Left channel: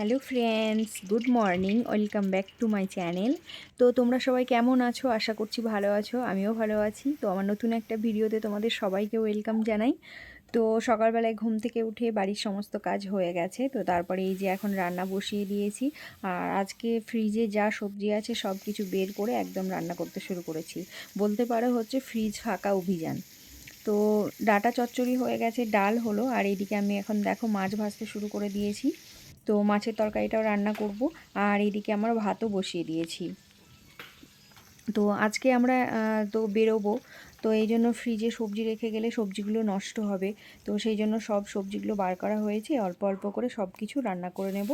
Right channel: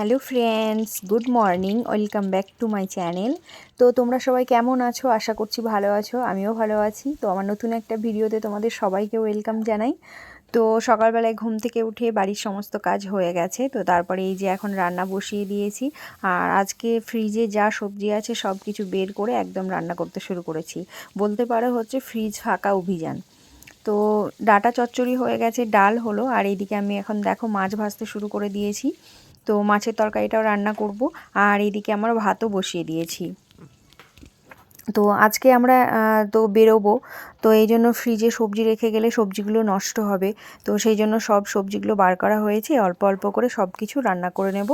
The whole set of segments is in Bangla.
Hello friends, good morning, welcome back to my channel. তো তোমরা সবাই কেমন আছো? আশা করছি ভালো আছো, আমিও ভালো আছি। তো আমার নতুন একটা ভিডিওতে তোমাদের সবাইকে ওয়েলকাম জানাই। তো সকালবেলায় ঘুম থেকে উঠে বাড়ির সমস্ত কাজ হয়ে গেছে, তো তারপরে এই যে এখন রান্না বসিয়ে দিয়েছি। আর আজকে ফ্রিজে যা সবজি আছে সব কিছু বের করে একদম রান্না করতে শুরু করেছি। বলতে পারো হচ্ছে ফ্রিজ ফাঁকা অভিযান। তো ডাটা চচ্চড়ি হয়ে গেছে, ডাল হলো, আর এইদিকে আমি এখন দেখো মাছ ভাজতে শুরু করে দিয়েছি। তো মাছের তরকারিটাও রান্না করব, আর এইদিকে আমার ভাতও বসিয়ে দিয়েছি। তো আজকে আমরা তো বেরোবো, তো এই জন্য ফ্রিজে সবজি রেখে গেলে সবজিগুলো নষ্ট হবে। তো সেই জন্য সব সবজিগুলো বার করা হয়েছে, অল্প অল্প করে সব কিছু রান্না করে নেব।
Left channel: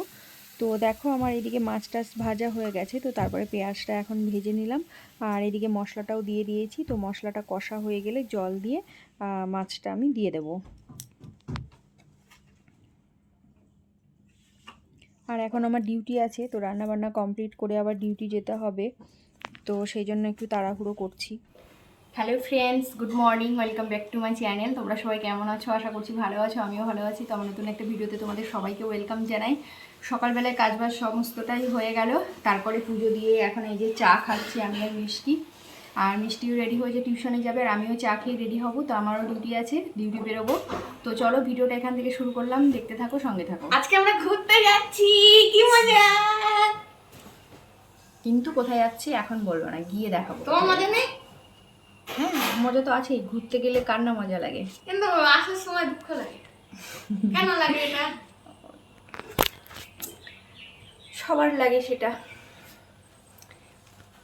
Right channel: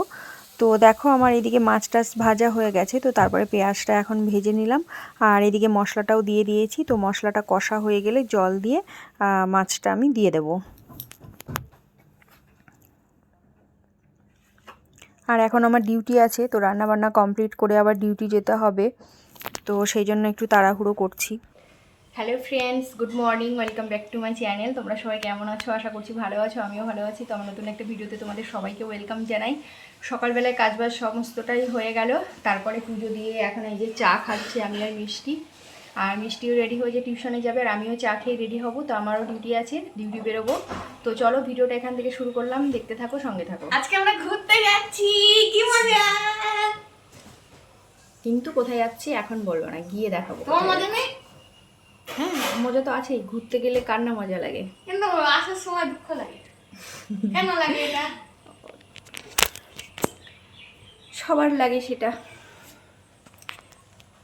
তো দেখো আমার এদিকে মাছ টাছ ভাজা হয়ে গেছে, তো তারপরে পেঁয়াজটা এখন ভেজে নিলাম, আর এদিকে মশলাটাও দিয়ে দিয়েছি। তো মশলাটা কষা হয়ে গেলে জল দিয়ে মাছটা আমি দিয়ে দেবো। আর এখন আমার ডিউটি আছে, তো রান্নাবান্না কমপ্লিট করে আবার ডিউটি যেতে হবে, তো সেই জন্য একটু তাড়াহুড়ো করছি। Hello friends, good morning, welcome back to my channel. তোমরা সবাই কেমন আছো? আশা করছি ভালো আছো, আমিও ভালো আছি। তো আমার নতুন একটা ভিডিওতে তোমাদের সবাইকে ওয়েলকাম জানাই। সকালবেলায় কাজবাজ সমস্তটাই হয়ে গেল, তারপরে পুজো দিয়ে এখন এই যে চা খাচ্ছি আমি আর মিষ্টি। আর মিষ্টিও রেডি হয়ে যে টিউশনে যাবে, আর আমিও চা খেয়ে রেডি হব। তো আমারও ডিউটি আছে, ডিউটি বেরোবো। তো চলো ভিডিওটা এখান থেকে শুরু করলাম, দেখতে থাকো, সঙ্গে থাকো। আজকে আমরা ঘুরতে যাচ্ছি, কি মজা! কিন্তু কোথায় যাচ্ছি এখন বলবো না, গিয়ে দেখাবো। তোমার মজা নেই? হ্যাঁ, মজা তো আছেই, ঘুরতে গেলে কার না মজা লাগে। কিন্তু আসার সময় দুঃখ লাগে। কেন লাগে এটা? সবার লাগে সেটা।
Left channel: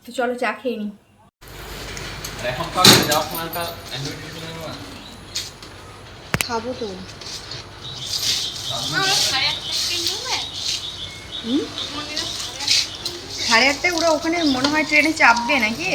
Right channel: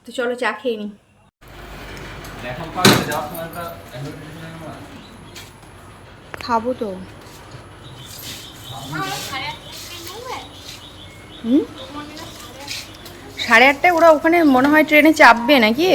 তো চলো চা খেয়ে নি। খাবো তো। হুম, 8:30 ওরা ওখানে মনে হয় ট্রেনে চাপবে নাকি?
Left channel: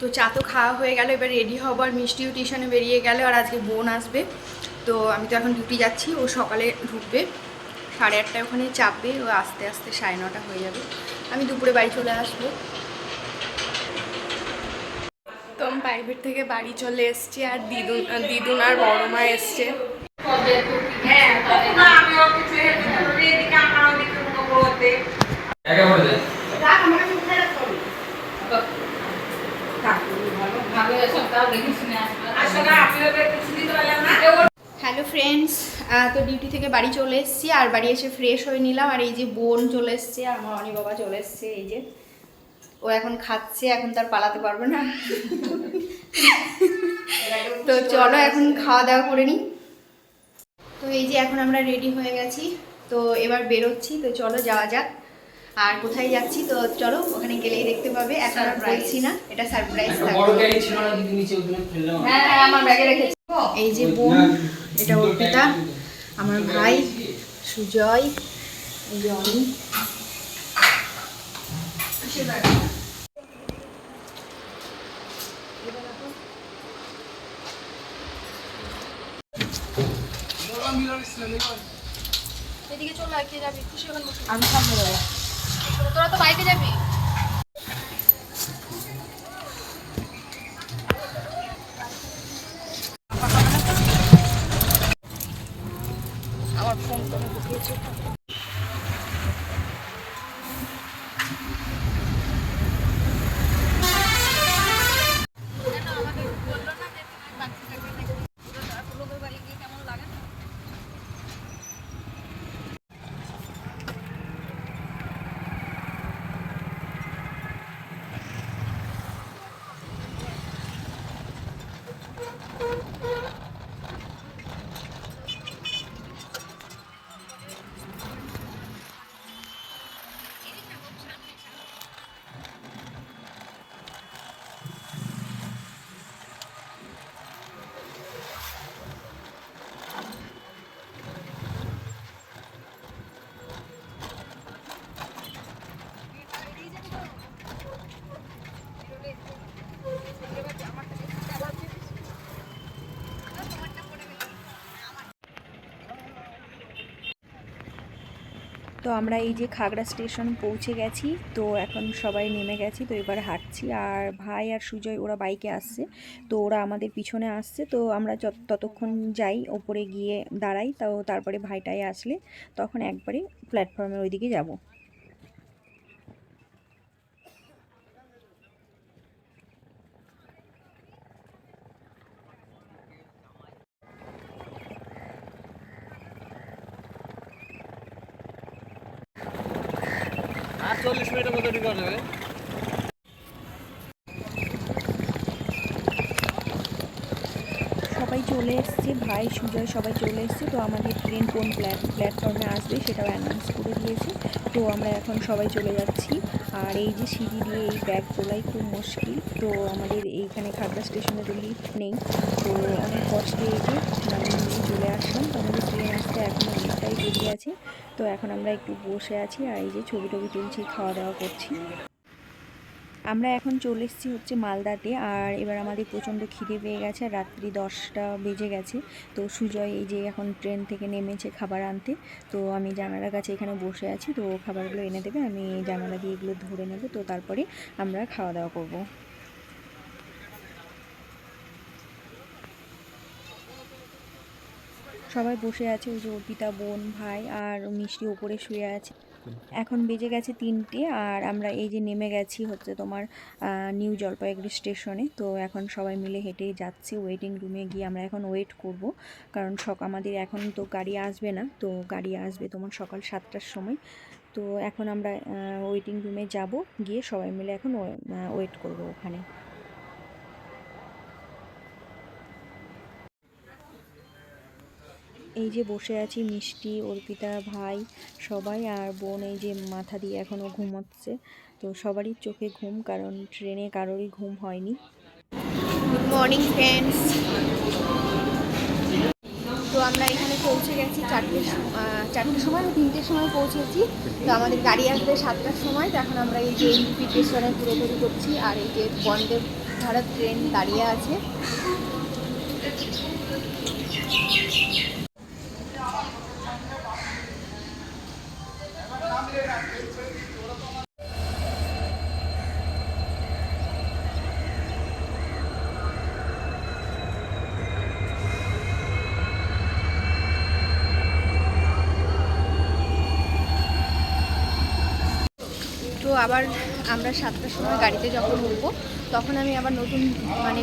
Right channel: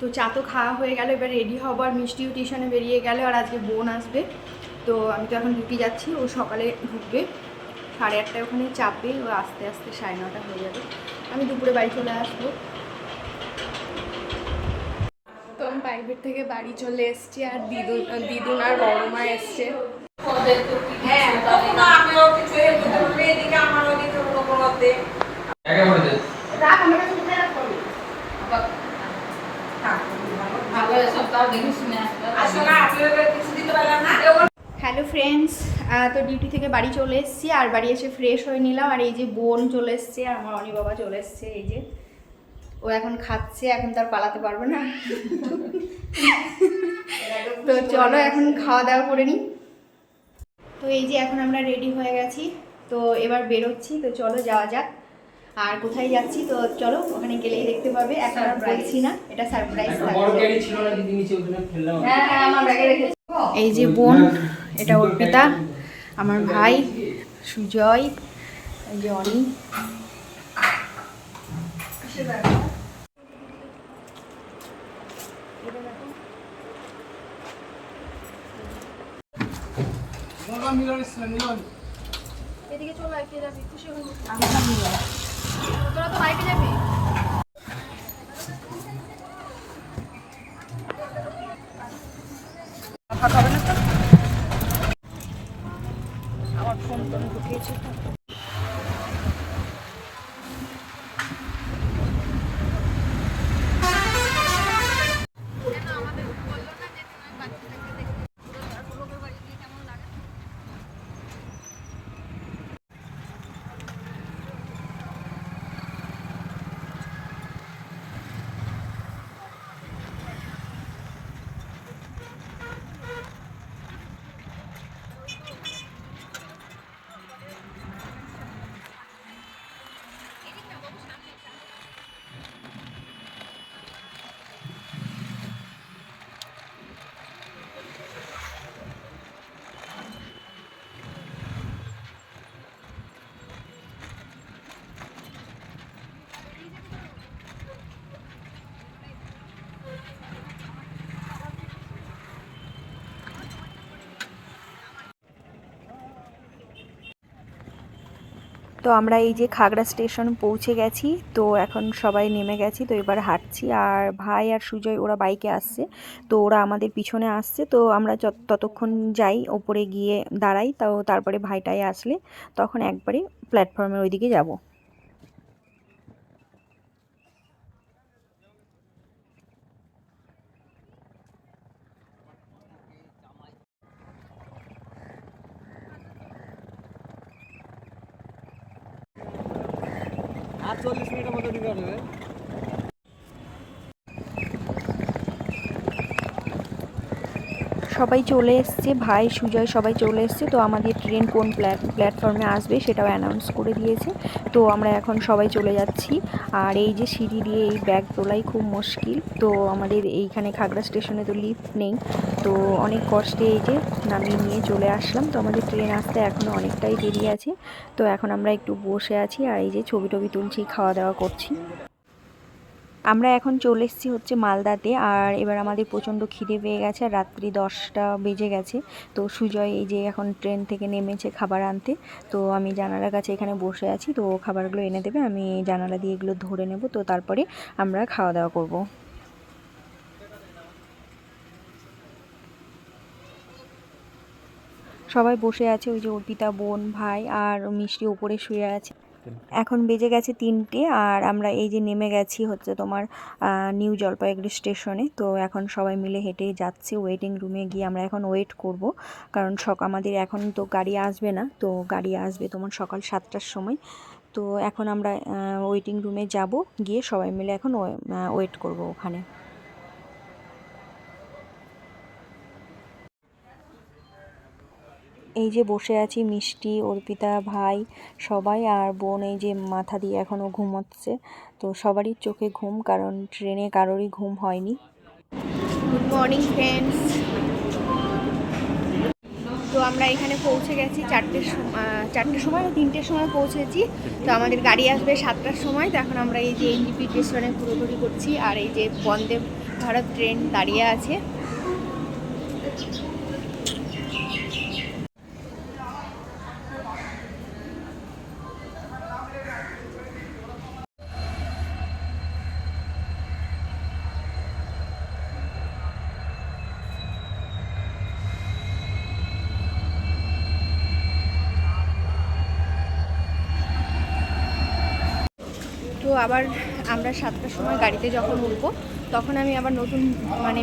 তো চা তো খাওয়া হয়ে গেল, এবার রেডি হবো, আর মিষ্টিও টিউশনে বেরিয়ে গেল, আর আজকে বোন আসবে। তো আমি তো এখন ডিউটি যাচ্ছি, ও সকালে ঢুকবে, 8:30 ওখানে চাপবে, ও আস্তে আস্তে 9:30 হয়ে যাবে, আমি দুপুরে বাড়ি চলে আসবো। তো আমি প্রাইভেট থেকে বাড়ি চলে এসছি, আর দিদুন আর বড় মা এসছে। হ্যালো ফ্রেন্ডস, তো ডিউটি থেকে বাড়ি চলে এসেছি, আর বাড়ি এসে ফ্রেশ হয়ে নিলাম। আর এই যে বোন চলে এসছে, আর আমার অনি বাবা চলে এসছে, এই যে ও এখন খাচ্ছে, এখন তার পালাতে পারবে না। তো চলো এখন খাওয়া দাওয়া করে নিই। তো এই যে এখন আমরা রেডি হয়ে গেছি, তো এবার বেরোচ্ছি, তো চলো যাওয়া যাক। আর কোথায় যাচ্ছি তো চলো ওখানে গেলেই দেখতে পাবে, এখন আর বলছি না, এটা সারপ্রাইজ থাকবে। এই যে বোন, এটা অর্পিতা, আমার ভাই সুজয়, এই যে অনি। এদিকে চলে আয়, কে যাবি? খুশি হন। আমি সামনে যাবো। তোরা তো বাইকে যাবি। আমার ফোন তো আমি ঢুকিয়েছি। তো আমরা এই যে খাগড়া স্টেশন পৌঁছে গেছি, তো এখন সবাই নেমে গেছি, তো এবার হাঁটছি। আর ভাই আর সুজয় ওরা বাইকে আসছে, তো ওরা আমাদের পিছনে আসছে। তো আমরা ততক্ষণ যাই ওপরে গিয়ে দাঁড়াই, তো তারপরে ভাইটাই আসলে তখন একবারে প্ল্যাটফর্মের ওইদিকে যাব। আর 40 মিনিটের মধ্যে ঢুকে যাবে। সবাই চলে এসছে, ভাই সুজয় সবাই চলে এসছে। তো আমাদের ট্রেন কোন প্ল্যাটফর্মে আসবে সেটাও অ্যানাউন্স করে দিয়েছে। তো আমরা এখন সবাই চলে যাচ্ছি। আর এই যে সিঁড়ি দিয়ে এই ব্যাগ তোলাই খুব মুশকিল। তো আমাদের এইখানে খাগড়া স্টেশনে তো লিফট নেই, তো অনেক কষ্টে এই যে নামিয়ে নিয়ে চলে আসলাম। তো আমাদের ট্রেন আসতে এখনও অনেকটাই দেরি আছে। তো এখন আমরা একটু বসে আছি আর এই যে ছবি টবি তুলছি, খাওয়া দাওয়া করছি। আমরা এখন চলে এসেছি হচ্ছে মালদাতে। আর এবার আমাদের প্রচণ্ড খিদে পেয়ে গেছে, আর রাত্রি 10টা বেজে গেছে। তো সুজয় এই যে এখন ট্রেন থেকে নেমেছে খাবার আনতে। তো আমি জানালার কাছে এখানে বসে আছি, তো খাবারগুলো এনে দেবে, আমি জানালা দিয়ে এগুলো ধরে নেব, তো তারপরে আমরা খাওয়া দাওয়া করব। সবাই বসে আছে, ওই যে অর্পিতা বোন, ভাই আর মিষ্টি ওপরে শুয়ে আছে। এখন বেজে গেছে 3টে, আর আমরা এই যে নেমে গেছি হচ্ছে তোমার নিউ জলপাইগুড়ি স্টেশনে। তো এখন সবাই মিলে হেঁটে যাচ্ছি ওয়েটিং রুমে গিয়ে আমরা এখন ওয়েট করব, কারণ আমাদের এখন তো গাড়ি আসবে না, তো গাড়ি আসবে তোমার সকাল 7টার সময়। তো এখন আমরা ওয়েটিং রুমে যাব, গিয়ে সবাই মিলে এখন ওয়েট করব ওখানে। এই যে বসে আছি, মিষ্টি, অর্পিতা, ভাই সবাই, আর বোন এই যে মাথা দিয়ে এখনও ঘুমোচ্ছে। তো সবারই চোখে ঘুম, কারণ ট্রেনে কারোরই ঘুম হয়নি। Good morning friends. তো আমরা এখানে পৌঁছে গেছি 4টের সময়, 3টের সময় পৌঁছেছি। তো আমাদের গাড়ি আসবে 7টার সময়। তো এখন আমরা এই যে এনজিপি স্টেশনে ঘোরাঘুরি করছি, আর এই যে বন্দে ভারত ট্রেন দাঁড়িয়ে আছে। তো আবার আমরা 7টার সময় গাড়িতে যখন উঠবো, তখন আমি আবার নতুন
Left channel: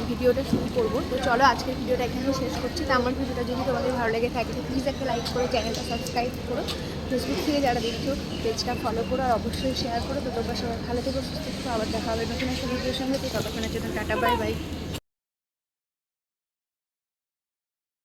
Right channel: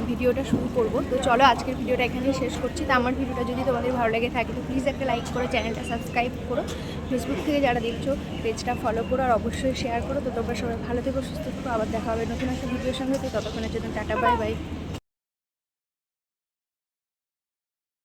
ভিডিওটা শুরু করব। তো চলো আজকের ভিডিওটা এখানেই শেষ করছি। তো আমার ভিডিওটা যদি তোমাদের ভালো লেগে থাকে তো প্লিজ একটা লাইক করে চ্যানেলটা সাবস্ক্রাইব করো। ফেসবুক থেকে যারা দেখছো পেজটা ফলো করো, আর অবশ্যই শেয়ার করো। তো তোমরা সবাই ভালো থেকো, সুস্থ থেকো। আবার দেখা হবে নতুন একটা ভিডিওর সঙ্গে। তো ততক্ষণের জন্য টাটা, বাই বাই।